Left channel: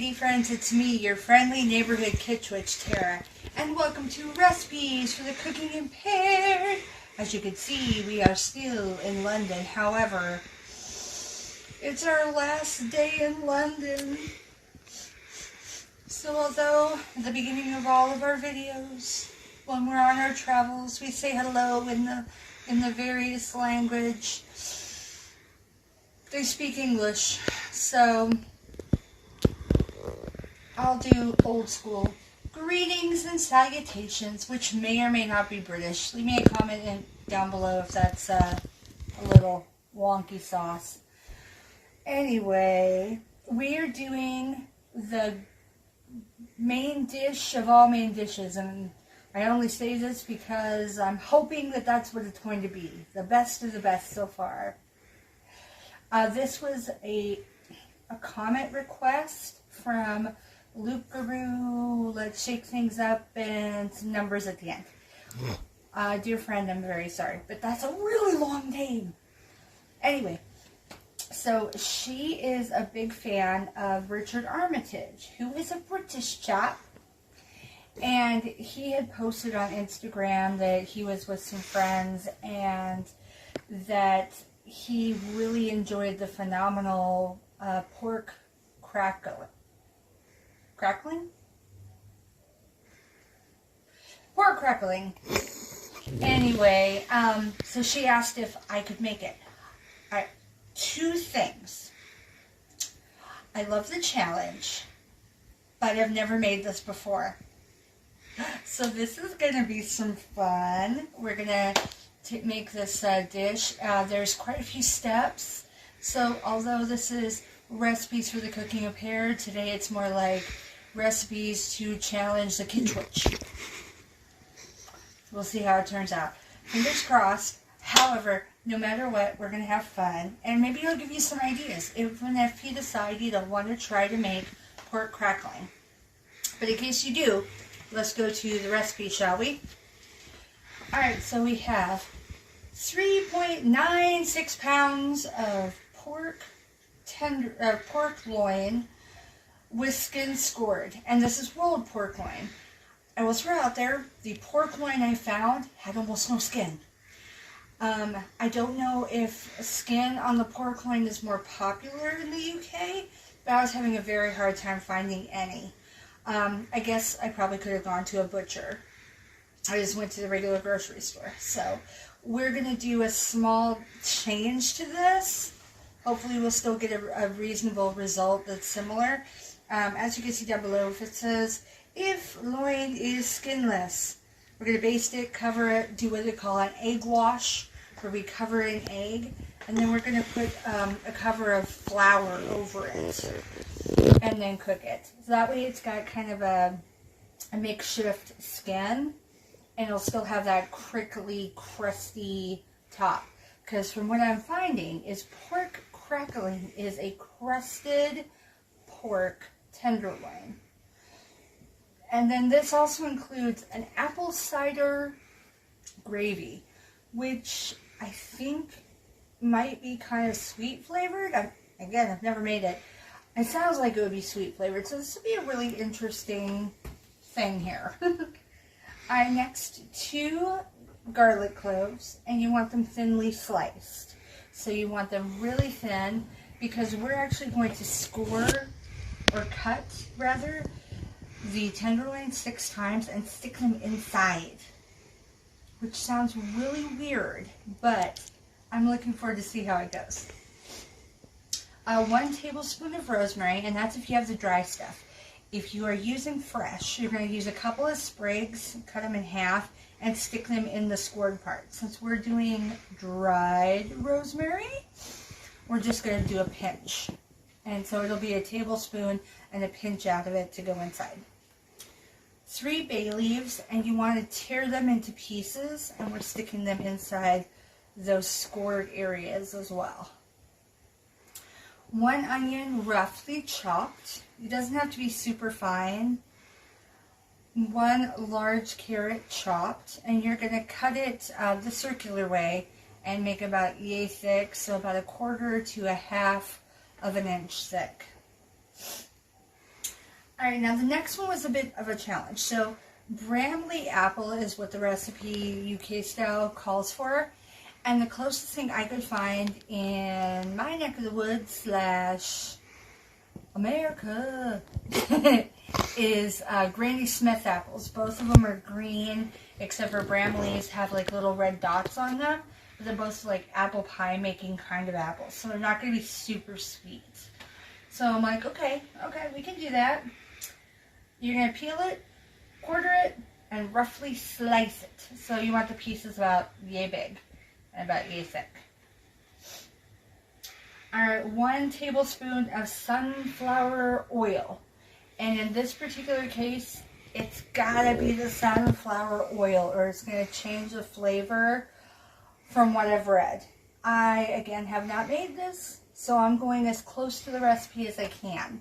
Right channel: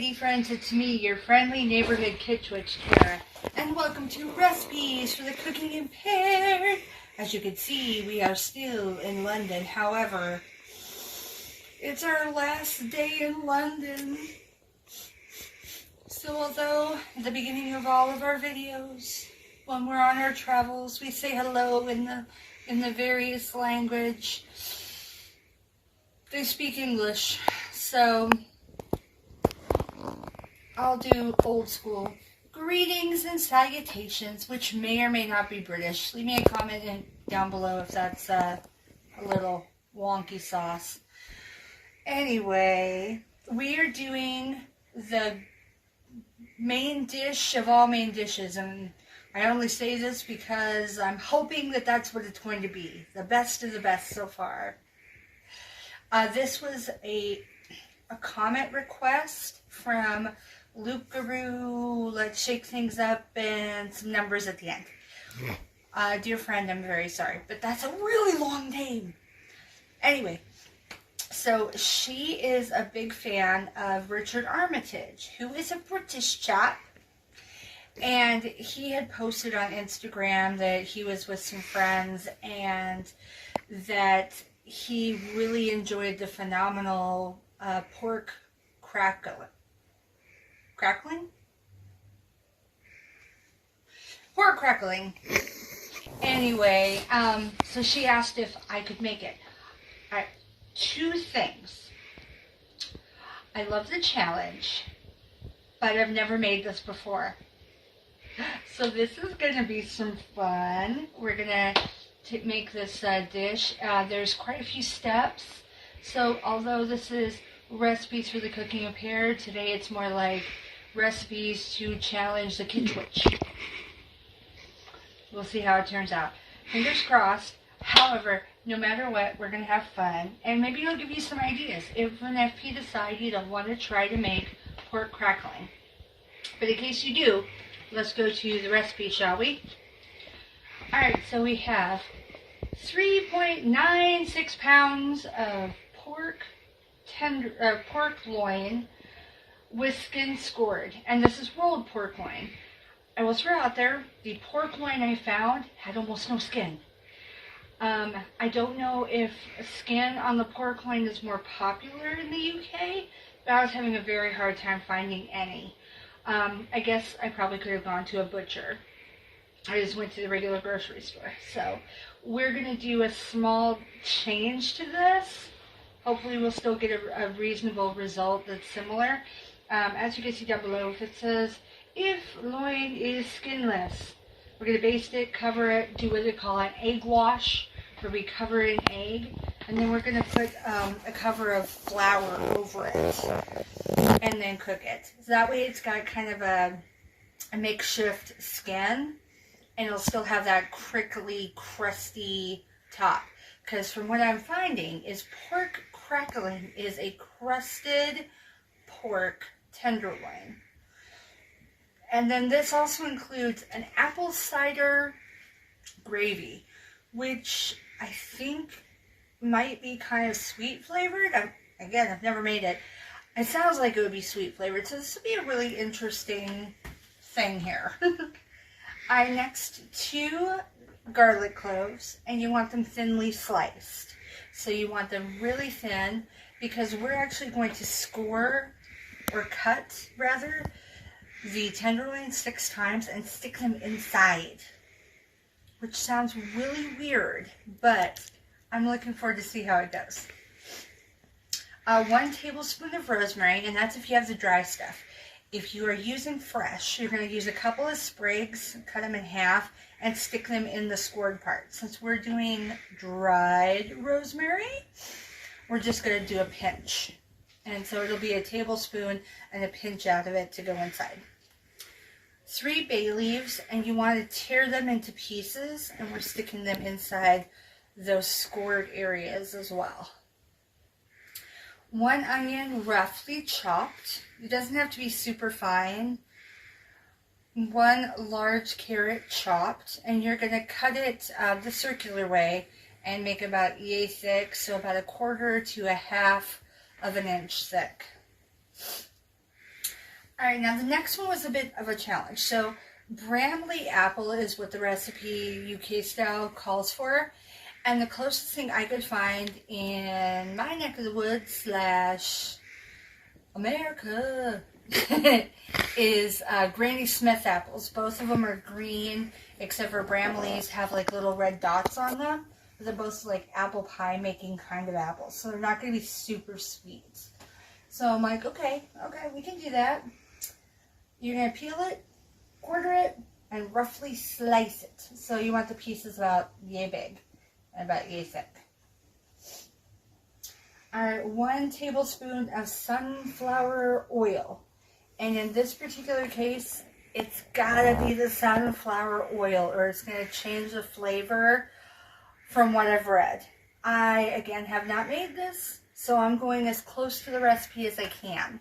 kitty friends, it's me, your friendly neighborhood kid witch, Tara, and welcome to Recipes for the Cooking Impaired. As you can see, we are still in London. However, it's our last day in London. So although at the beginning of all of our videos, when we're on our travels, we say hello in the various language, they speak English. So I'll do old school greetings and salutations, which may or may not be British. Leave me a comment down below if that's a little wonky sauce. Anyway, we are doing the main dish of all main dishes, and I only say this because I'm hoping that that's what it's going to be. The best of the best so far. This was a comment request from Luke Guru. Let's shake things up and some numbers at the end. Dear friend, I'm very sorry, but that's a really long name. Anyway, so she is a big fan of Richard Armitage, who is a British chap. And he had posted on Instagram that he was with some friends and that he really enjoyed the phenomenal pork crackling? Pork crackling. Anyway, so she asked if I could make it. Alright, two things. I love the challenge, but I've never made this before. So this is going to be some fun. We're going to make this dish. There's quite a few steps. So although this is Recipes for the Cooking Impaired, today it's more like recipes to challenge the kid witch. We'll see how it turns out. Fingers crossed. However, no matter what, we're going to have fun. And maybe it'll give you some ideas. Even if you decide you don't want to try to make pork crackling. But in case you do, let's go to the recipe, shall we? Alright, so we have 3.96 pounds of pork loin with skin scored. And this is rolled pork loin. I will throw out there, the pork loin I found had almost no skin. I don't know if skin on the pork loin is more popular in the UK, but I was having a very hard time finding any. I guess I probably could have gone to a butcher. I just went to the regular grocery store. So we're going to do a small change to this. Hopefully we'll still get a reasonable result that's similar. As you can see down below, if it says, if loin is skinless, we're going to baste it, cover it, do what they call an egg wash, where we cover an egg, and then we're going to put a cover of flour over it, and then cook it. So that way it's got kind of a makeshift skin, and it'll still have that crinkly, crusty top. Because from what I'm finding is pork crackling is a crusted pork tenderloin. And then this also includes an apple cider gravy, which I think might be kind of sweet flavored. Again, I've never made it. It sounds like it would be sweet flavored, so this would be a really interesting thing here. Next, 2 garlic cloves, and you want them thinly sliced. So you want them really thin, because we're actually going to score, or cut rather, the tenderloin 6 times and stick them inside. Which sounds really weird, but I'm looking forward to see how it goes. 1 tablespoon of rosemary, and that's if you have the dry stuff. If you are using fresh, you're going to use a couple of sprigs, cut them in half, and stick them in the scored part. Since we're doing dried rosemary, we're just going to do a pinch. And so it'll be a tablespoon and a pinch out of it to go inside. 3 bay leaves, and you want to tear them into pieces, and we're sticking them inside those scored areas as well. 1 onion roughly chopped. It doesn't have to be super fine. 1 large carrot chopped, and you're going to cut it the circular way and make about yay thick, so about 1/4 to 1/2 of an inch thick. Alright, now the next one was a bit of a challenge. So, Bramley apple is what the recipe UK style calls for. And the closest thing I could find in my neck of the woods / America is Granny Smith apples. Both of them are green, except for Bramley's have like little red dots on them. But they're both like apple pie making kind of apples. So they're not going to be super sweet. So I'm like, okay, we can do that. You're going to peel it, quarter it, and roughly slice it. So you want the pieces about yay big and about yay thick. Alright, 1 tablespoon of sunflower oil. And in this particular case, it's gotta be the sunflower oil or it's gonna change the flavor from what I've read. I, again, have not made this, so I'm going as close to the recipe as I can.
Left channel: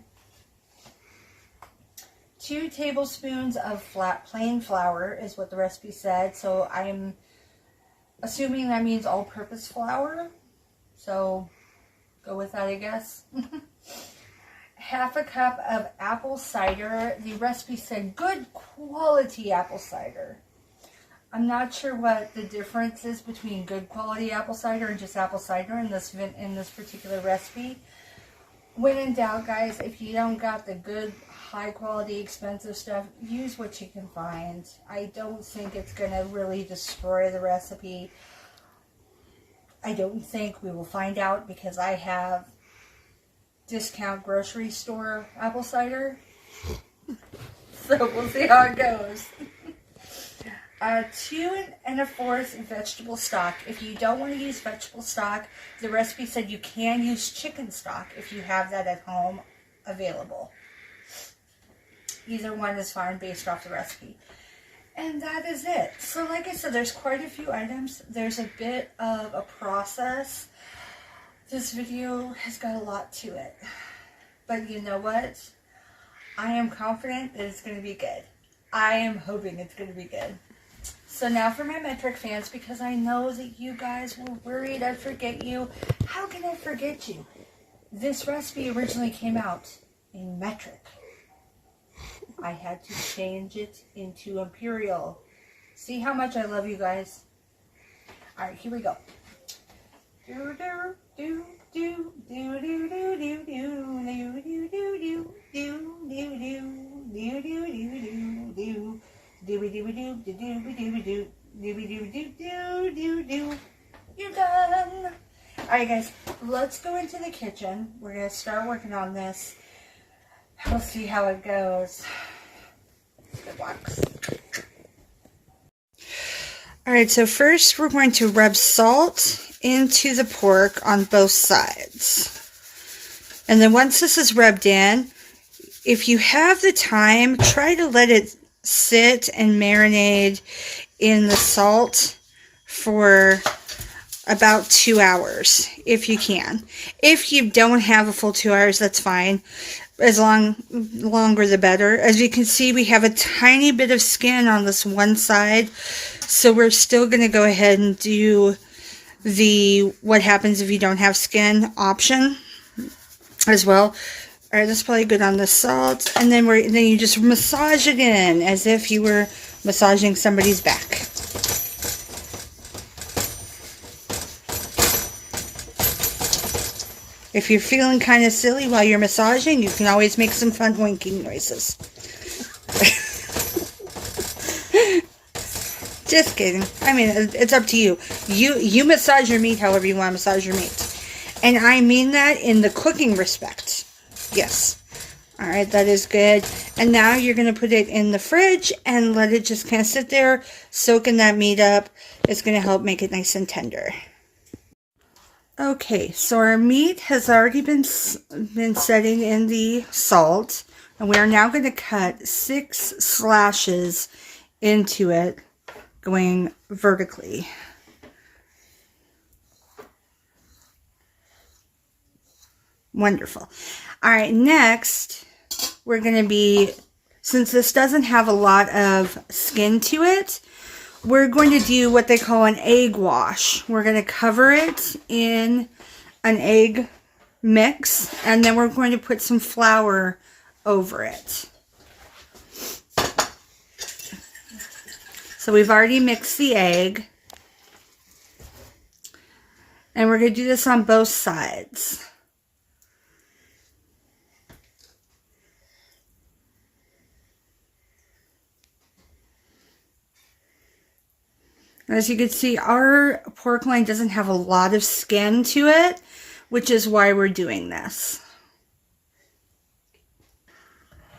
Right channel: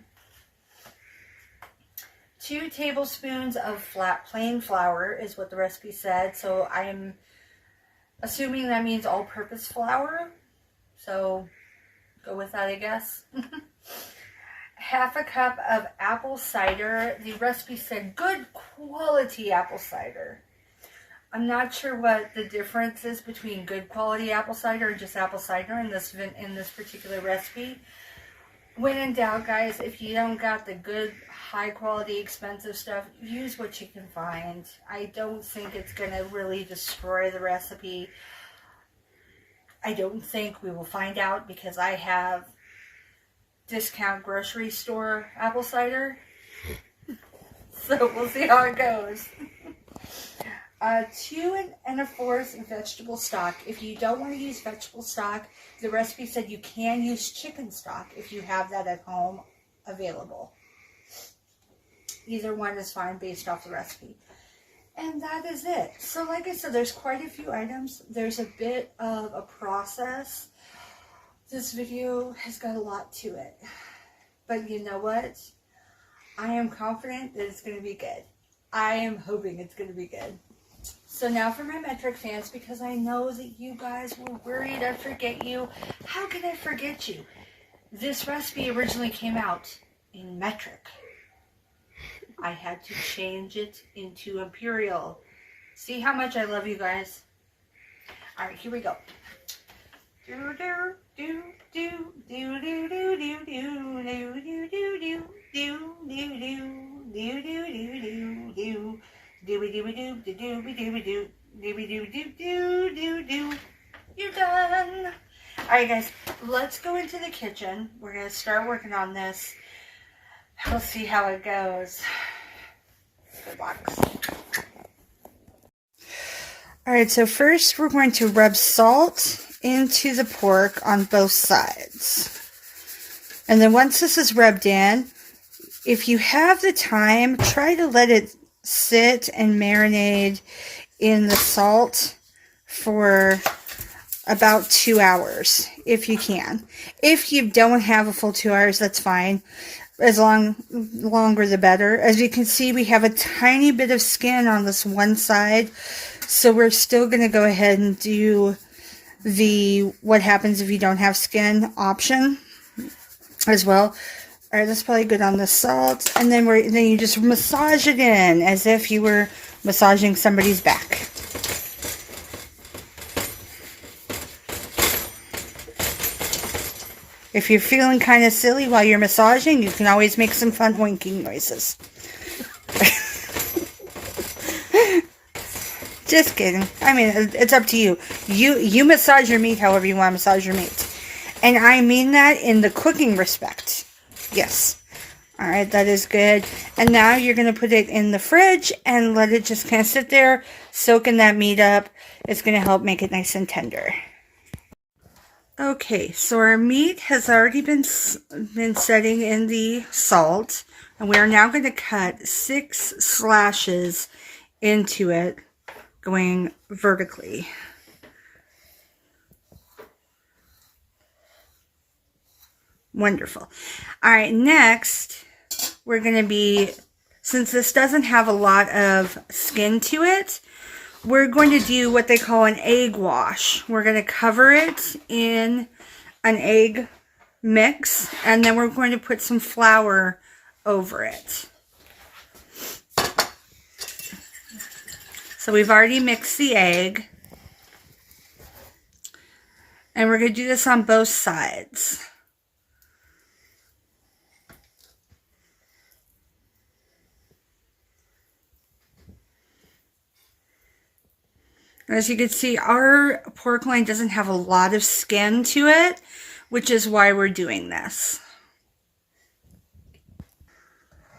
2 tablespoons of plain flour is what the recipe said, so I'm assuming that means all-purpose flour. So go with that, I guess. Half a cup of apple cider. The recipe said good quality apple cider. I'm not sure what the difference is between good quality apple cider and just apple cider in this particular recipe. When in doubt, guys, if you don't got the good, high quality, expensive stuff, use what you can find. I don't think it's going to really destroy the recipe. I don't think we will find out because I have discount grocery store apple cider. So we'll see how it goes. 2 1/4 vegetable stock. If you don't want to use vegetable stock, the recipe said you can use chicken stock if you have that at home available. Either one is fine based off the recipe. And that is it. So like I said, there's quite a few items. There's a bit of a process. This video has got a lot to it. But you know what? I am confident that it's going to be good. I am hoping it's going to be good. So now for my metric fans, because I know that you guys were worried I'd forget you. How can I forget you? This recipe originally came out in metric. I had to change it into imperial. See how much I love you guys? Alright, here we go. Do do do do do do do do do do do do do do do do do do. You're done. Alright guys, let's go into the kitchen. We're going to start working on this. We'll see how it goes. Good luck. Alright, so first we're going to rub salt into the pork on both sides. And then once this is rubbed in, if you have the time, try to let it sit and marinate in the salt for about 2 hours, if you can. If you don't have a full 2 hours, that's fine. Longer the better. As you can see, we have a tiny bit of skin on this one side, so we're still going to go ahead and do the what happens if you don't have skin option as well. Alright, that's probably good on the salt. And then you just massage it in as if you were massaging somebody's back. If you're feeling kind of silly while you're massaging, you can always make some fun winking noises. Just kidding. I mean, it's up to you. You massage your meat however you want to massage your meat. And I mean that in the cooking respect. Yes. Alright, that is good. And now you're going to put it in the fridge and let it just kind of sit there, soaking that meat up. It's going to help make it nice and tender. Okay, so our meat has already been setting in the salt. And we are now going to cut 6 slashes into it, going vertically. Wonderful. Alright, next, we're going to be, since this doesn't have a lot of skin to it, we're going to do what they call an egg wash. We're going to cover it in an egg mix, and then we're going to put some flour over it. So we've already mixed the egg. And we're going to do this on both sides. As you can see, our pork loin doesn't have a lot of skin to it, which is why we're doing this.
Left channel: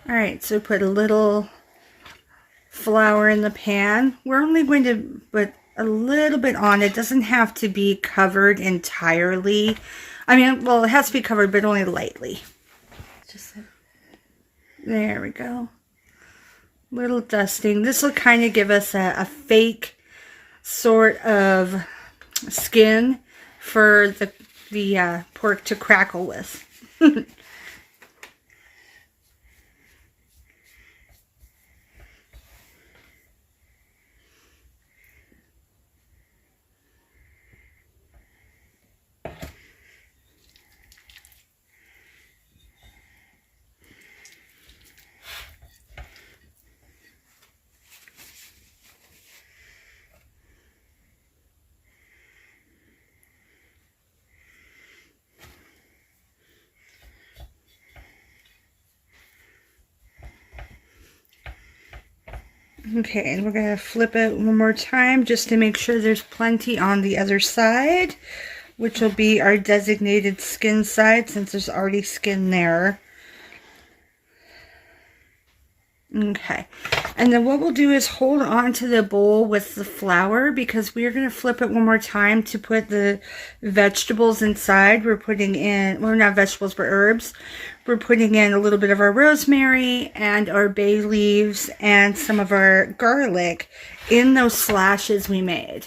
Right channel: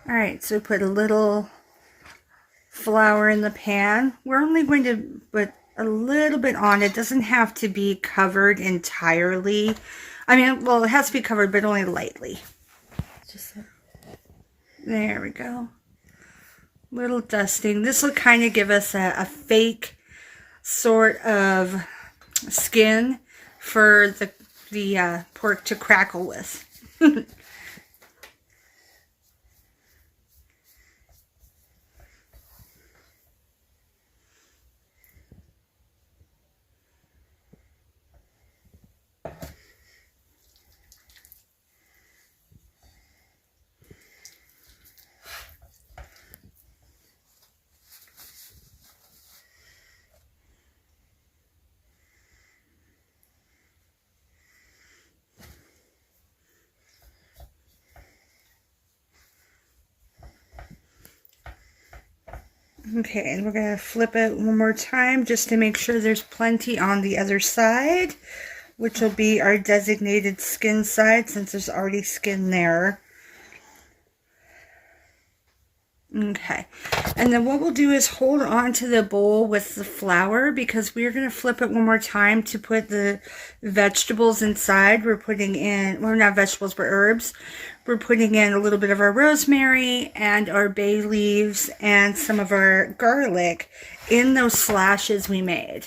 Alright, so put a little flour in the pan. We're only going to put a little bit on. It doesn't have to be covered entirely. I mean, well, it has to be covered, but only lightly. Just there we go. Little dusting. This will kind of give us a fake sort of skin for the pork to crackle with. Okay, and we're going to flip it one more time just to make sure there's plenty on the other side, which will be our designated skin side since there's already skin there. Okay, and then what we'll do is hold on to the bowl with the flour because we're going to flip it one more time to put the vegetables inside. We're putting in, well, not vegetables, but herbs. We're putting in a little bit of our rosemary and our bay leaves and some of our garlic in those slashes we made.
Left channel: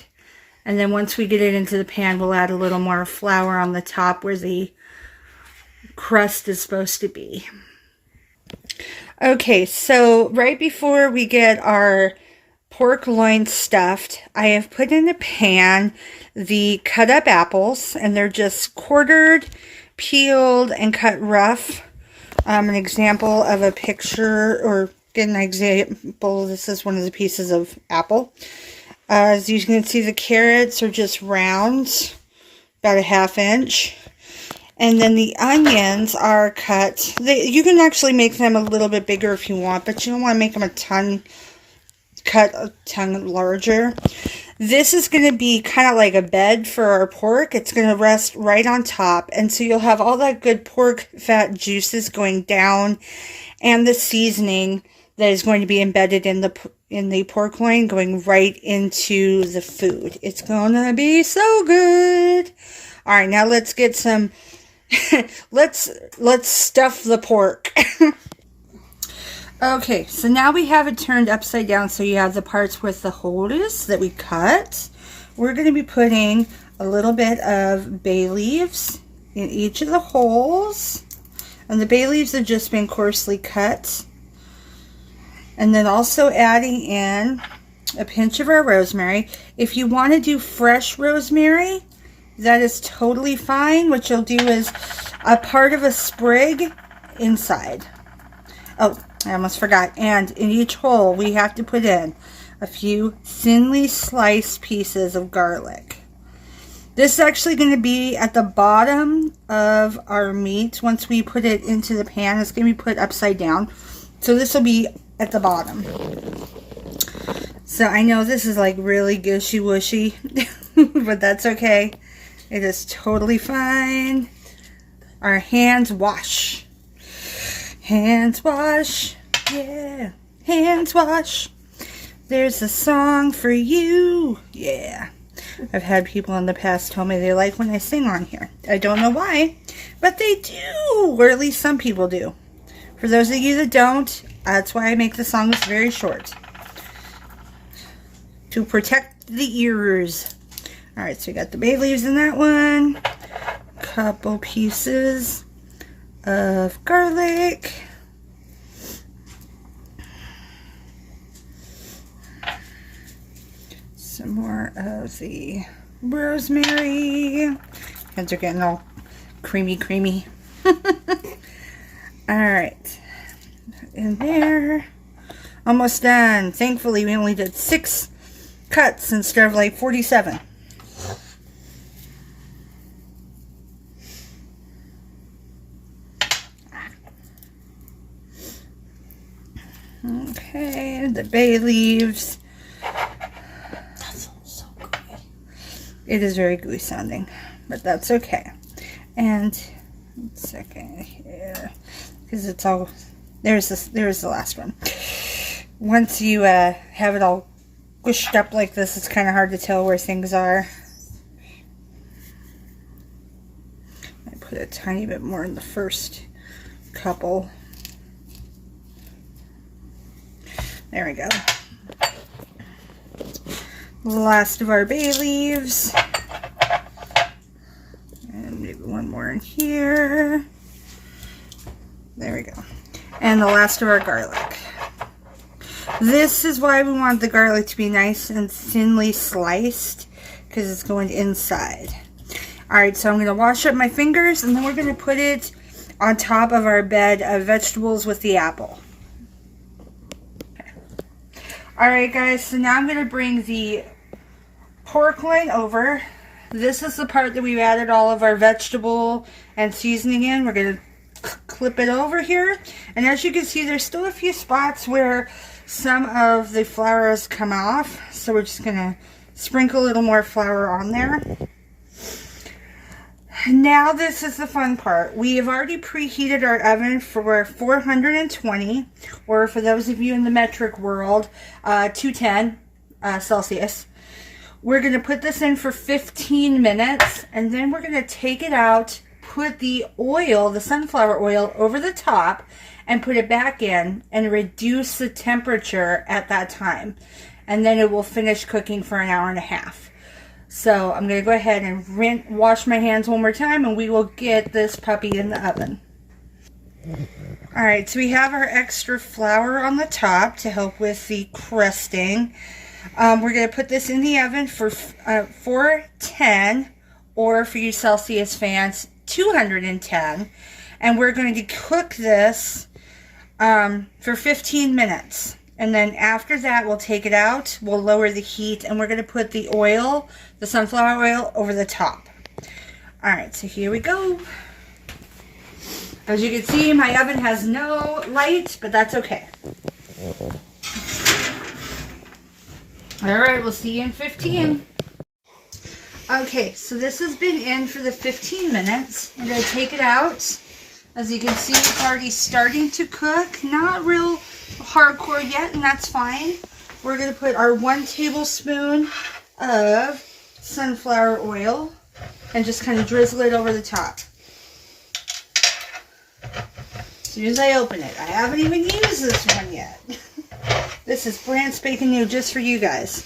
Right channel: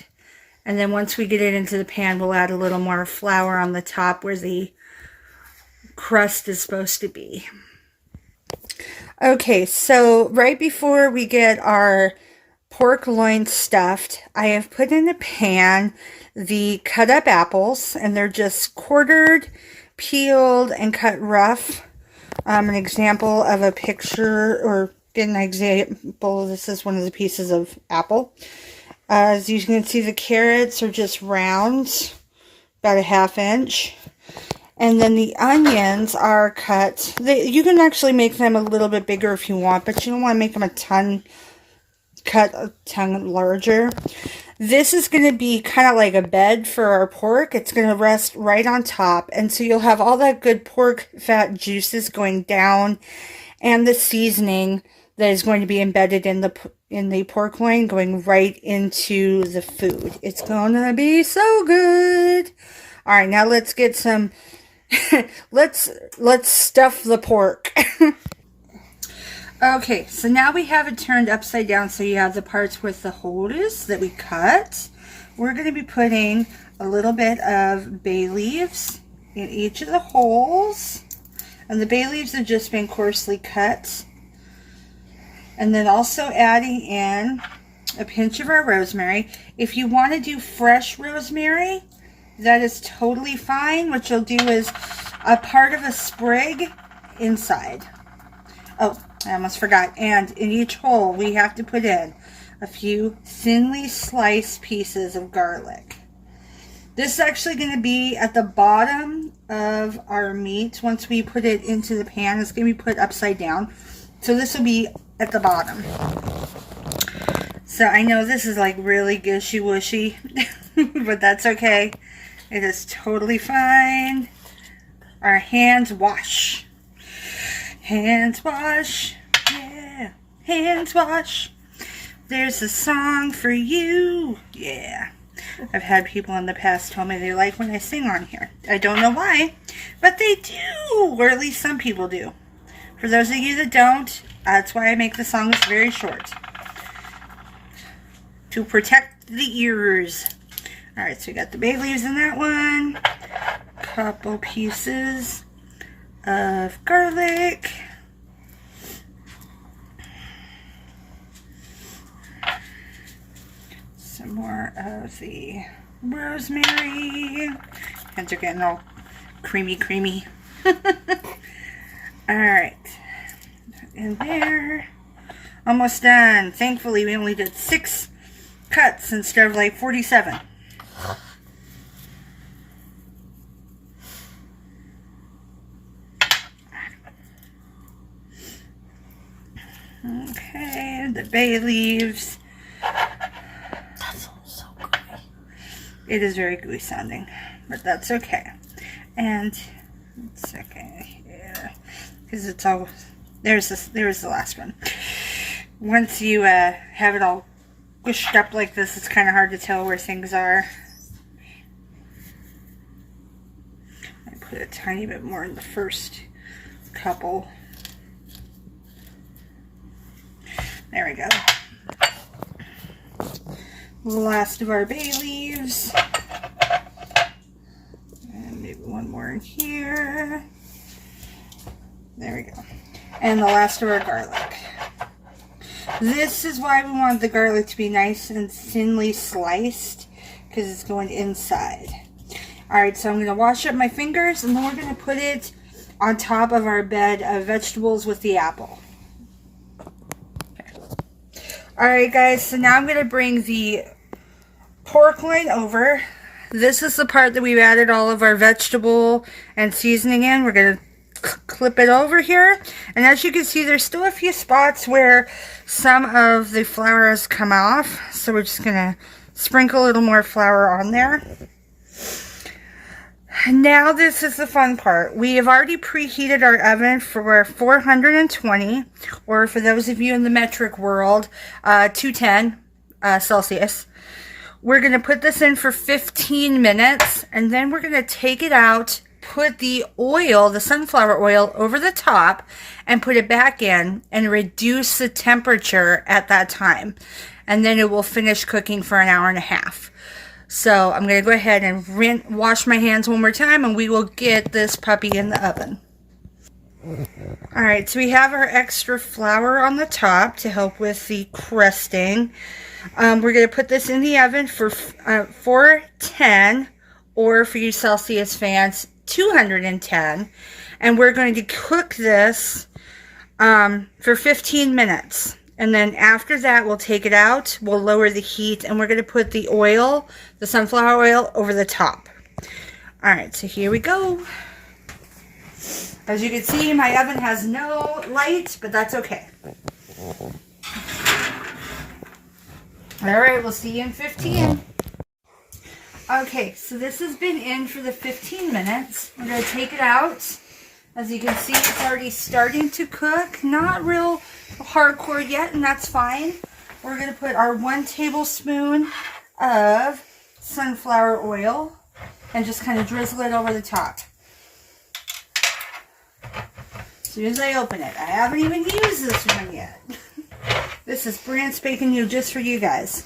And then once we get it into the pan, we'll add a little more flour on the top where the crust is supposed to be. Okay, so right before we get our pork loin stuffed, I have put in a pan the cut up apples, and they're just quartered, peeled, and cut rough. An example of a picture, or get an example, this is one of the pieces of apple. As you can see, the carrots are just rounds, about a ½ inch. And then the onions are cut. You can actually make them a little bit bigger if you want, but you don't want to make them cut a ton larger. This is going to be kind of like a bed for our pork. It's going to rest right on top. And so you'll have all that good pork fat juices going down and the seasoning that is going to be embedded in the pork loin going right into the food. It's going to be so good. All right, now let's get some... let's stuff the pork. Okay, so now we have it turned upside down so you have the parts with the holes that we cut. We're going to be putting a little bit of bay leaves in each of the holes. And the bay leaves have just been coarsely cut. And then also adding in a pinch of our rosemary. If you want to do fresh rosemary, that is totally fine. What you'll do is a part of a sprig inside. Oh, I almost forgot. And in each hole, we have to put in a few thinly sliced pieces of garlic. This is actually going to be at the bottom of our meat. Once we put it into the pan, it's going to be put upside down. So this will be at the bottom. So I know this is like really gushy-wushy, but that's okay. It is totally fine. Our hands wash. Hands wash. Yeah. Hands wash. There's a song for you. Yeah. I've had people in the past tell me they like when I sing on here. I don't know why, but they do. Or at least some people do. For those of you that don't, that's why I make the songs very short. To protect the ears. Alright, so we got the bay leaves in that one. Couple pieces of garlic. Some more of the rosemary. Hands are getting all creamy. Alright. In there. Almost done. Thankfully, we only did 6 cuts instead of like 47. Okay, the bay leaves. That sounds so gooey. It is very gooey sounding, but that's okay. And it's okay here because it's all there's the last one. Once you have it all squished up like this, it's kind of hard to tell where things are. I put a tiny bit more in the first couple. There we go. The last of our bay leaves. And maybe one more in here. There we go. And the last of our garlic. This is why we want the garlic to be nice and thinly sliced, because it's going inside. Alright, so I'm going to wash up my fingers, and then we're going to put it on top of our bed of vegetables with the apple. Alright guys, so now I'm going to bring the pork loin over. This is the part that we've added all of our vegetable and seasoning in. We're going to clip it over here. And as you can see, there's still a few spots where some of the flour has come off. So we're just going to sprinkle a little more flour on there. Now this is the fun part. We have already preheated our oven for 420, or for those of you in the metric world, 210 Celsius. We're going to put this in for 15 minutes, and then we're going to take it out, put the oil, the sunflower oil, over the top, and put it back in, and reduce the temperature at that time. And then it will finish cooking for an hour and a half. So I'm going to go ahead and wash my hands one more time, and we will get this puppy in the oven. Alright, so we have our extra flour on the top to help with the crusting. We're going to put this in the oven for 410, or for you Celsius fans, 210. And we're going to cook this for 15 minutes. And then after that, we'll take it out, we'll lower the heat, and we're going to put the oil, the sunflower oil, over the top. Alright, so here we go. As you can see, my oven has no light, but that's okay. Alright, we'll see you in 15. Okay, so this has been in for the 15 minutes. I'm going to take it out. As you can see, it's already starting to cook. Not real hardcore yet, and that's fine. We're going to put our 1 tablespoon of sunflower oil and just kind of drizzle it over the top. As soon as I open it, I haven't even used this one yet. This is brand spanking new just for you guys.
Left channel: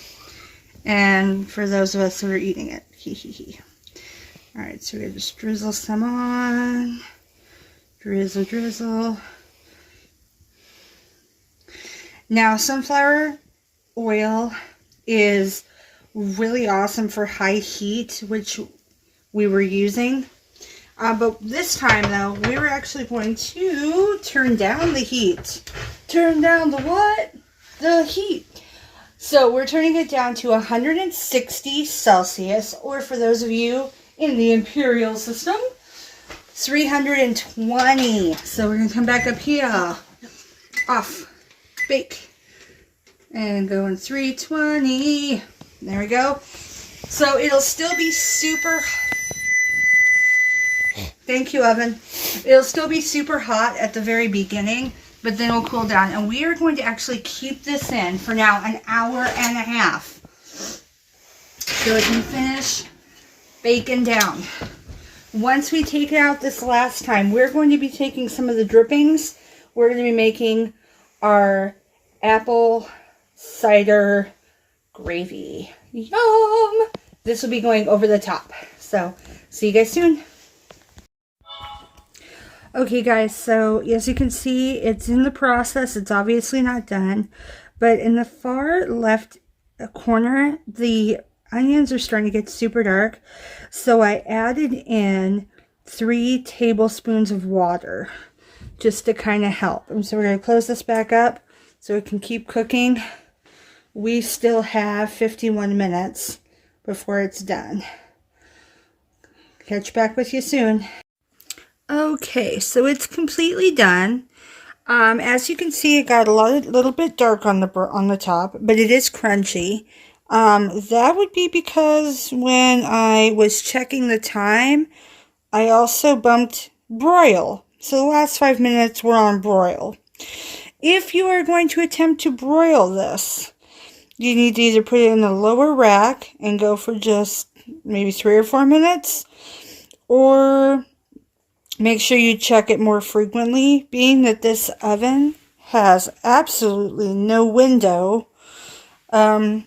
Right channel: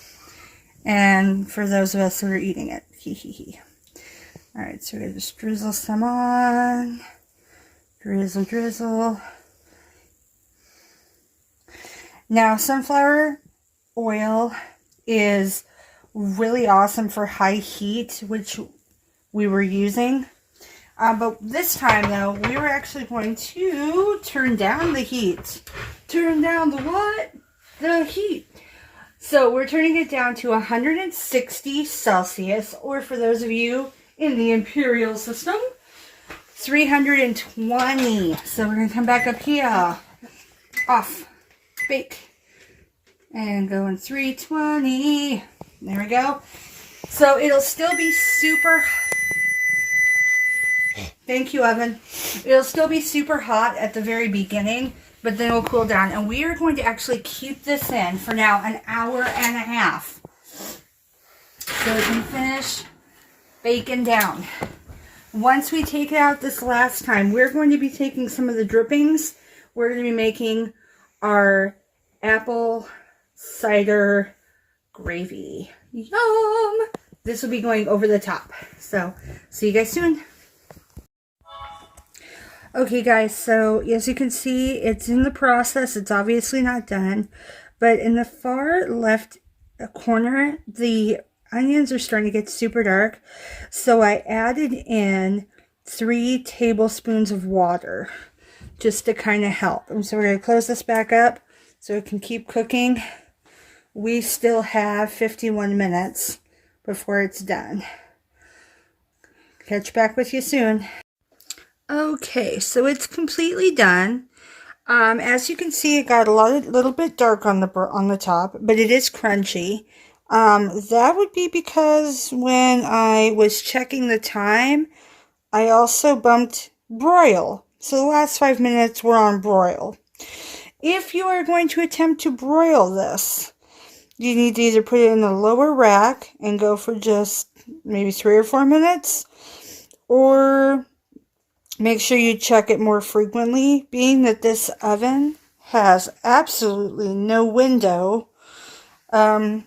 And for those of us who are eating it. Hee hee hee. Alright, so we're going to just drizzle some on. Drizzle, drizzle. Now, sunflower oil is really awesome for high heat, which we were using. But this time, though, we were actually going to turn down the heat. Turn down the what? The heat. So we're turning it down to 160 Celsius, or for those of you in the imperial system, 320. So we're going to come back up here. Off. Bake. And go in 320. There we go. So it'll still be super... Thank you, oven. It'll still be super hot at the very beginning, but then it'll cool down. And we are going to actually keep this in for now an hour and a half. So it can finish baking down. Once we take it out this last time, we're going to be taking some of the drippings. We're going to be making our apple cider gravy. Yum! This will be going over the top. So, see you guys soon. Okay guys, so as you can see, it's in the process. It's obviously not done. But in the far left corner, the onions are starting to get super dark. So I added in 3 tablespoons of water just to kind of help. And so we're going to close this back up so it can keep cooking we still have 51 minutes before it's done. Catch back with you soon. Okay, so it's completely done. As you can see, it got a little bit dark on the top, but it is crunchy. That would be because when I was checking the time, I also bumped broil. So the last 5 minutes were on broil. If you are going to attempt to broil this, you need to either put it in the lower rack and go for just maybe 3 or 4 minutes, or make sure you check it more frequently, being that this oven has absolutely no window. I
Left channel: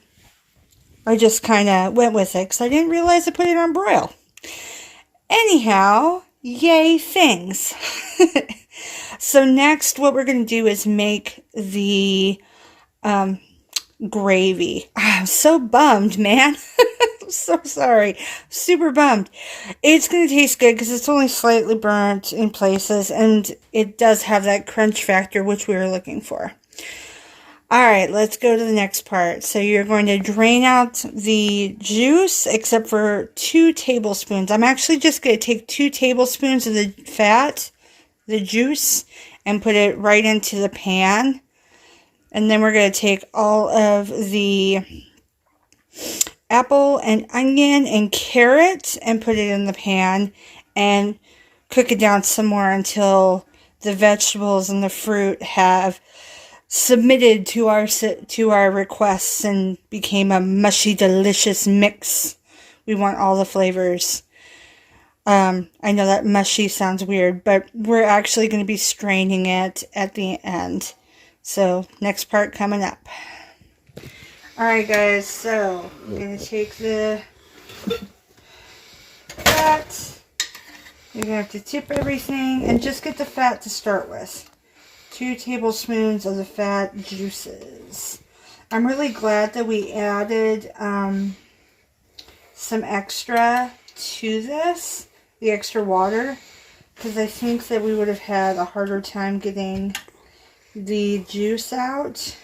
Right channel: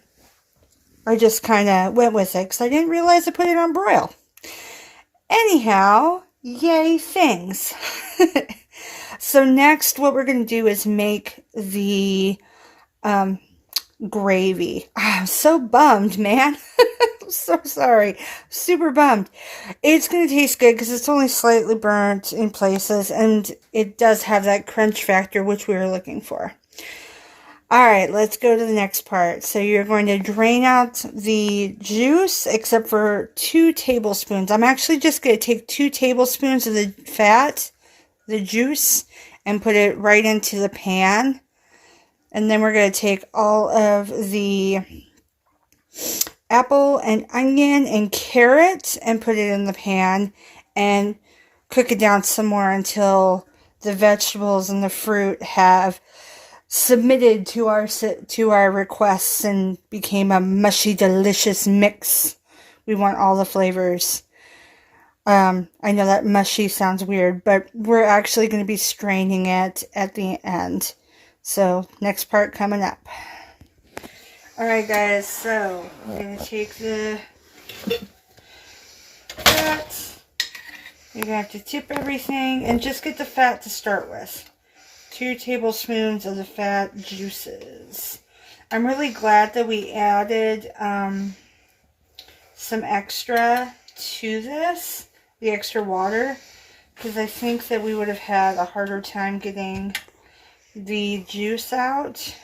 just kind of went with it because I didn't realize I put it on broil. Anyhow, yay things. So next what we're going to do is make the gravy. I'm so bummed, man. I'm so sorry. Super bummed. It's going to taste good because it's only slightly burnt in places, and it does have that crunch factor which we were looking for. Alright, let's go to the next part. So you're going to drain out the juice except for 2 tablespoons. I'm actually just going to take 2 tablespoons of the fat, the juice, and put it right into the pan. And then we're going to take all of the apple and onion and carrot and put it in the pan and cook it down some more until the vegetables and the fruit have submitted to our requests and became a mushy, delicious mix. We want all the flavors. I know that mushy sounds weird, but we're actually going to be straining it at the end. So, next part coming up. Alright guys, so I'm going to take the fat. You're going to have to tip everything and just get the fat to start with. 2 tablespoons of the fat juices. I'm really glad that we added some extra to this, the extra water, because I think that we would have had a harder time getting the juice out.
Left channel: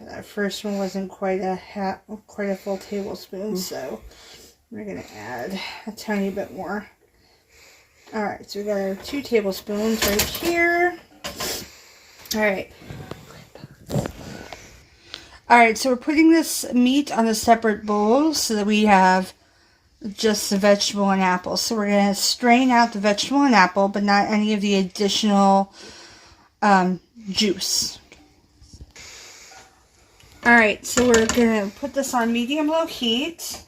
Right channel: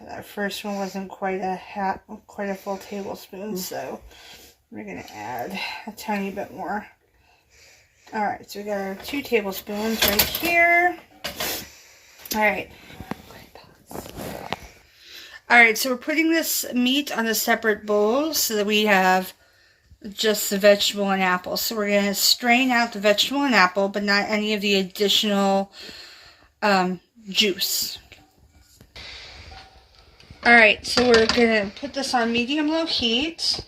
That first one wasn't quite a full tablespoon, so we're going to add a tiny bit more. Alright, so we got our 2 tablespoons right here. Alright. Alright, so we're putting this meat on a separate bowl so that we have just the vegetable and apple. So we're going to strain out the vegetable and apple, but not any of the additional juice. Alright, so we're going to put this on medium-low heat.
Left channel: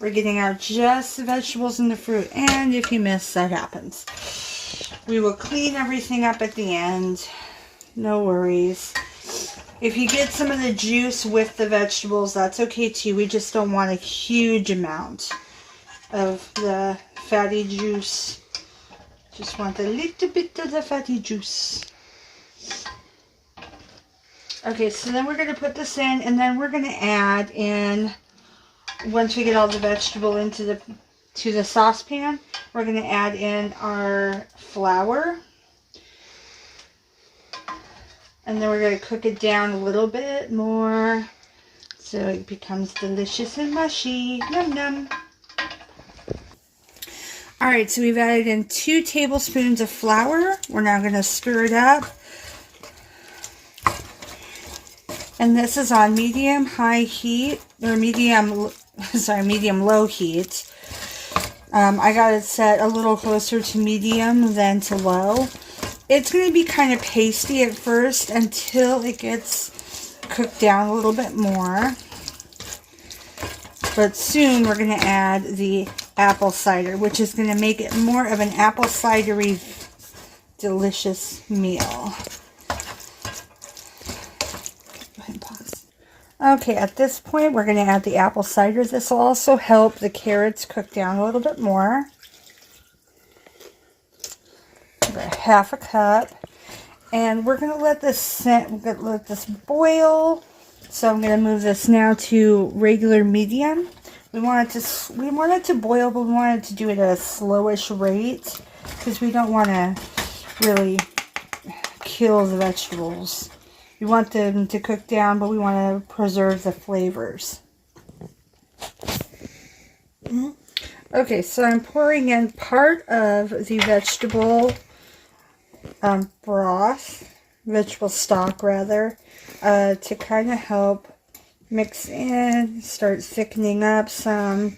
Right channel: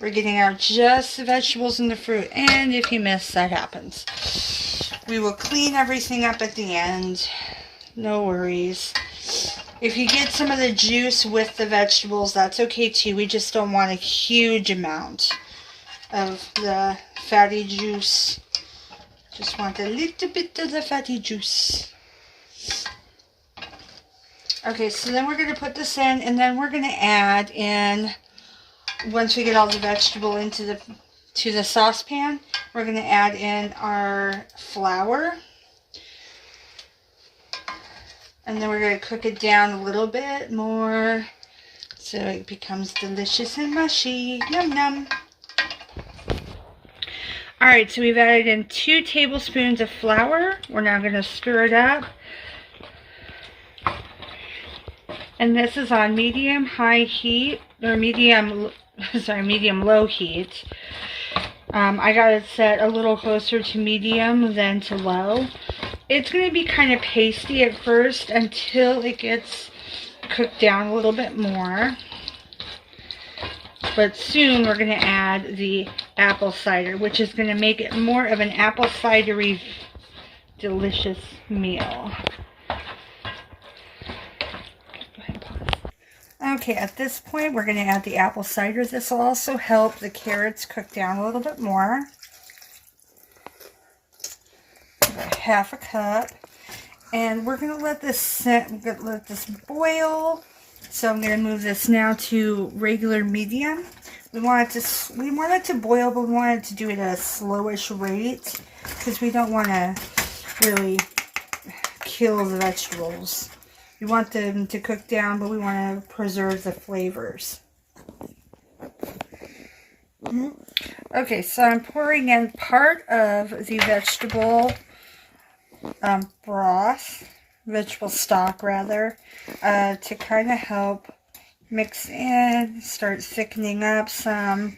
We're getting out just the vegetables and the fruit, and if you miss, that happens. We will clean everything up at the end. No worries. If you get some of the juice with the vegetables, that's okay too. We just don't want a huge amount of the fatty juice. Just want a little bit of the fatty juice. Okay, so then we're going to put this in, and then we're going to add in, once we get all the vegetable into the saucepan, we're going to add in our flour. And then we're going to cook it down a little bit more so it becomes delicious and mushy. Yum yum. Alright, so we've added in 2 tablespoons of flour. We're now going to stir it up. And this is on medium-high heat, or medium-low heat. I got it set a little closer to medium than to low. It's going to be kind of pasty at first until it gets cooked down a little bit more. But soon we're going to add the apple cider, which is going to make it more of an apple cidery delicious meal. Okay, at this point, we're going to add the apple cider. This will also help the carrots cook down a little bit more. About 1/2 cup. And we're going to let this boil. So I'm going to move this now to regular medium. We want it to boil, but we want it to do it at a slowish rate because we don't want to really kill the vegetables. We want them to cook down, but we want to preserve the flavors. Okay, so I'm pouring in part of the vegetable broth, vegetable stock rather, to kind of help mix in, start thickening up some,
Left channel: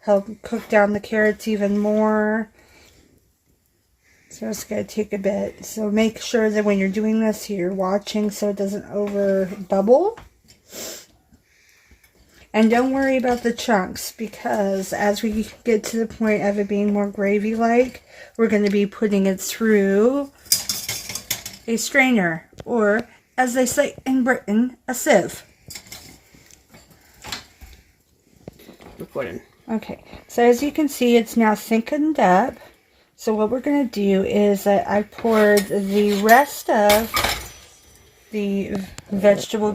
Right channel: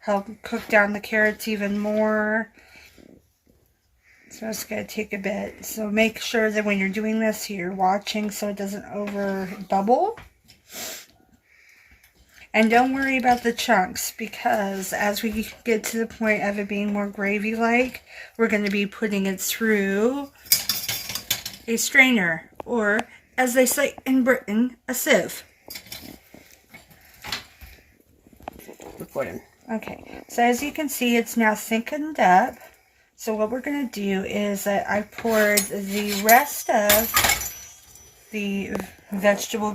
help cook down the carrots even more. So it's going to take a bit. So make sure that when you're doing this, you're watching so it doesn't over bubble. And don't worry about the chunks, because as we get to the point of it being more gravy-like, we're going to be putting it through a strainer, or as they say in Britain, a sieve. Recording. Okay, so as you can see, it's now thickened up. So what we're going to do is that I poured the rest of the vegetable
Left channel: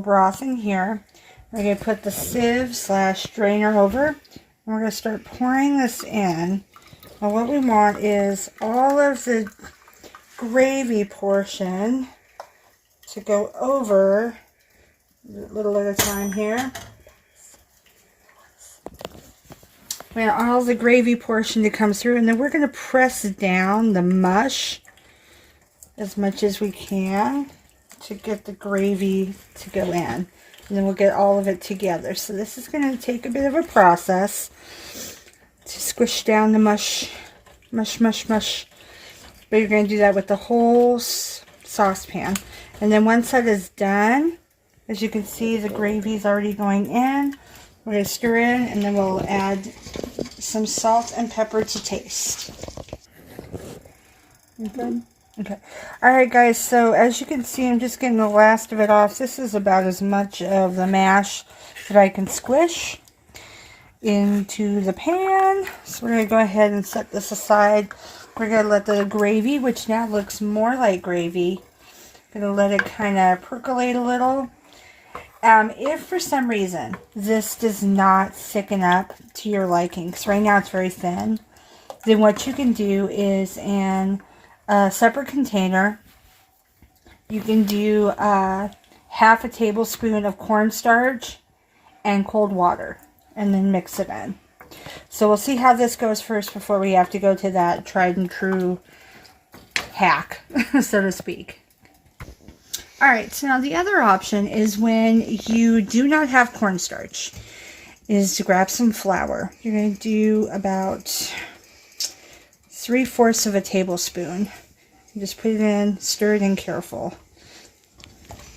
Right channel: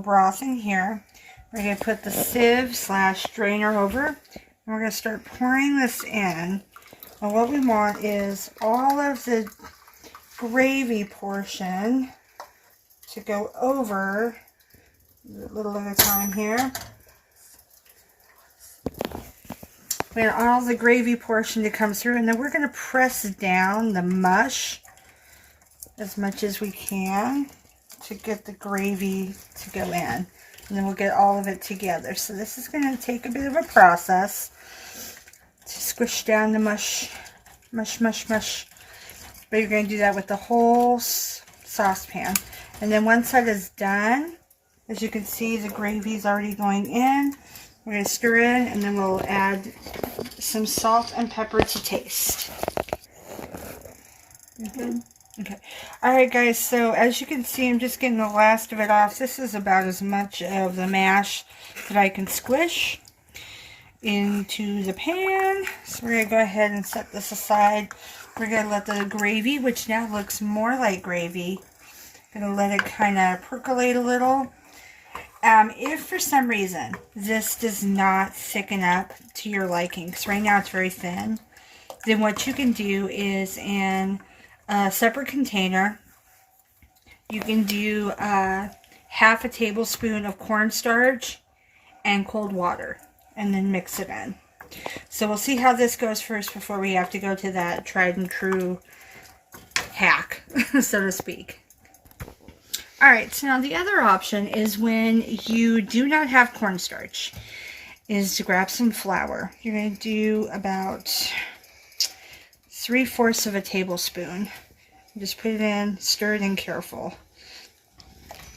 broth in here. We're going to put the sieve / strainer over, and we're going to start pouring this in. And what we want is all of the gravy portion to go over, a little at a time here. We want all the gravy portion to come through, and then we're going to press down the mush as much as we can to get the gravy to go in. And then we'll get all of it together. So this is going to take a bit of a process to squish down the mush. But you're going to do that with the whole saucepan. And then once that is done, as you can see, the gravy is already going in. We're going to stir in, and then we'll add some salt and pepper to taste. Okay. Alright guys, so as you can see, I'm just getting the last of it off. This is about as much of the mash that I can squish into the pan. So we're going to go ahead and set this aside. We're going to let the gravy, which now looks more like gravy, going to let it kind of percolate a little. If for some reason this does not thicken up to your liking, because right now it's very thin, then what you can do is in a separate container, you can do half a tablespoon of cornstarch and cold water, and then mix it in. So we'll see how this goes first before we have to go to that tried and true hack, so to speak. Alright, so now the other option is when you do not have cornstarch, is to grab some flour. You're going to do about 3/4 of a tablespoon. Just put it in, stir it in careful.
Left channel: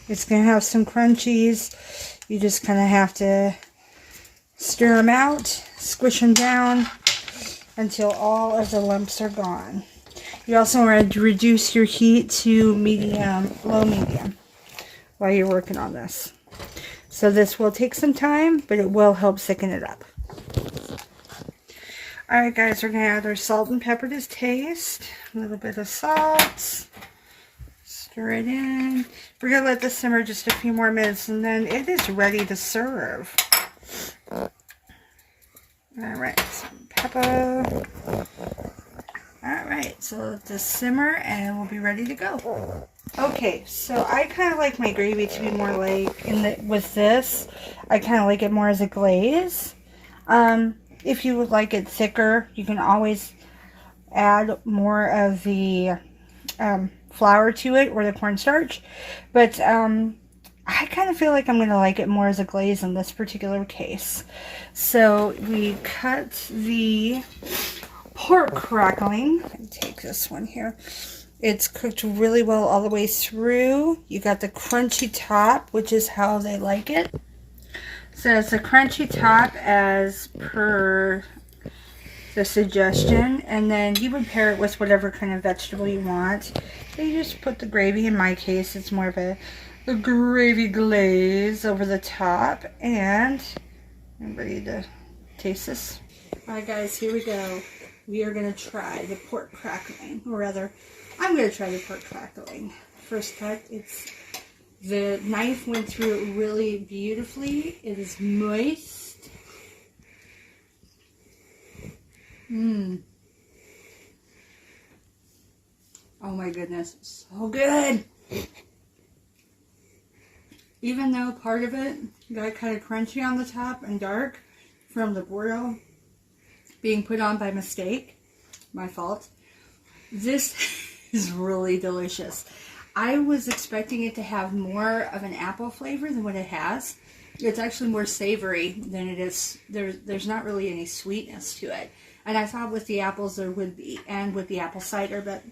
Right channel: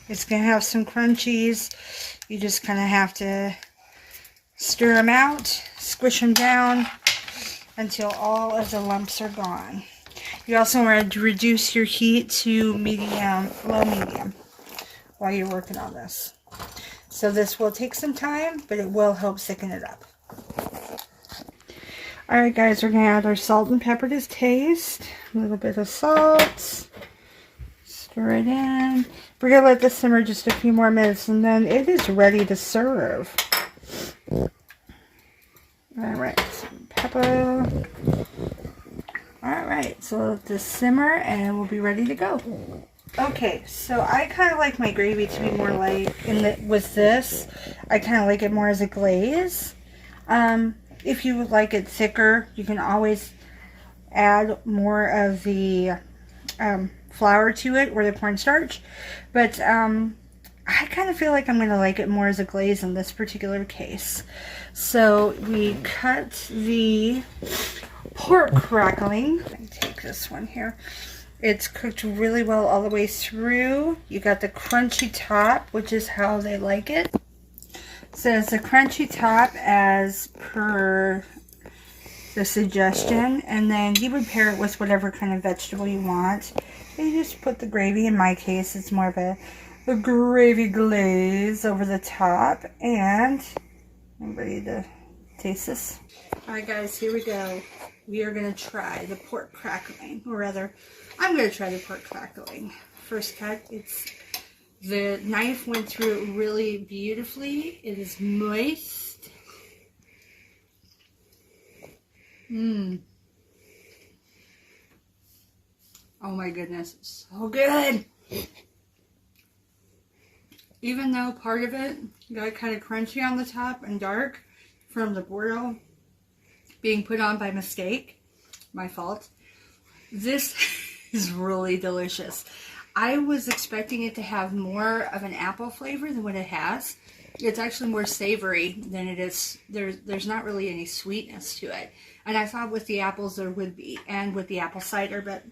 It's going to have some crunchies. You just kind of have to stir them out, squish them down until all of the lumps are gone. You also want to reduce your heat to low medium while you're working on this. So this will take some time, but it will help thicken it up. Alright guys, we're going to add our salt and pepper to taste. A little bit of salt. Stir it in. We're going to let this simmer just a few more minutes, and then it is ready to serve. Alright, some pepper. Alright, so let this simmer and we'll be ready to go. Okay, so I kind of like my gravy to be more like, with this, I kind of like it more as a glaze. If you would like it thicker, you can always add more of the flour to it, or the cornstarch. But I kind of feel like I'm going to like it more as a glaze in this particular case. So we cut the pork crackling. Let me take this one here. It's cooked really well all the way through. You got the crunchy top, which is how they like it. So it's a crunchy top as per the suggestion, and then you would pair it with whatever kind of vegetable you want. And you just put the gravy, in my case it's more of a gravy glaze over the top, and I'm ready to taste this. Alright guys, here we go. We are going to try the pork crackling, or rather, I'm going to try the pork crackling. First cut, the knife went through it really beautifully. It is moist. Oh my goodness, so good. Even though part of it got kind of crunchy on the top and dark from the Bordeaux being put on by mistake, my fault, this is really delicious. I was expecting it to have more of an apple flavor than what it has. It's actually more savory than it is. There's not really any sweetness to it. And I thought with the apples there would be, and with the apple cider, but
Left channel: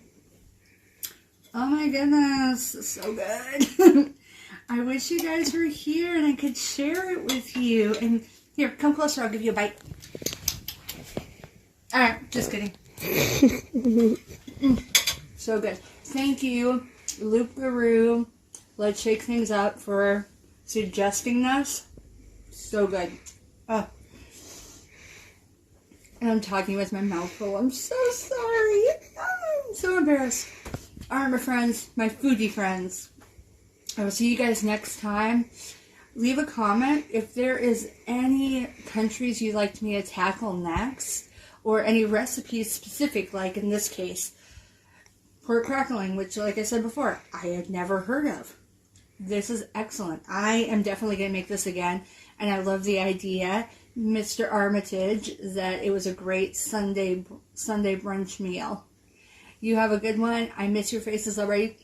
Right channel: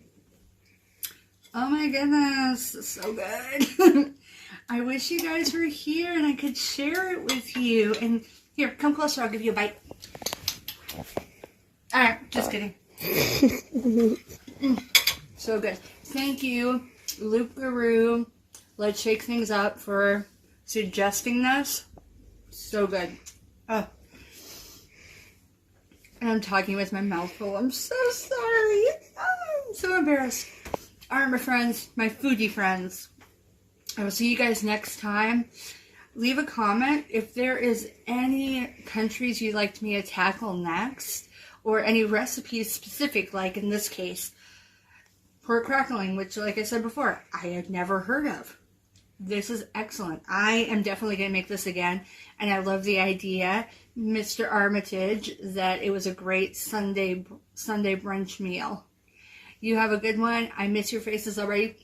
oh my goodness, it's so good. I wish you guys were here and I could share it with you. And here, come closer, I'll give you a bite. Alright, just kidding. So good. Thank you, Loop Guru. Let's shake things up for suggesting this. So good. Oh. And I'm talking with my mouth full. I'm so sorry. I'm so embarrassed. Alright, my friends, my foodie friends. I will see you guys next time. Leave a comment if there is any countries you'd like me to tackle next, or any recipes specific, like in this case, pork crackling, which, like I said before, I had never heard of. This is excellent. I am definitely going to make this again, and I love the idea, Mr. Armitage, that it was a great Sunday brunch meal. You have a good one. I miss your faces already.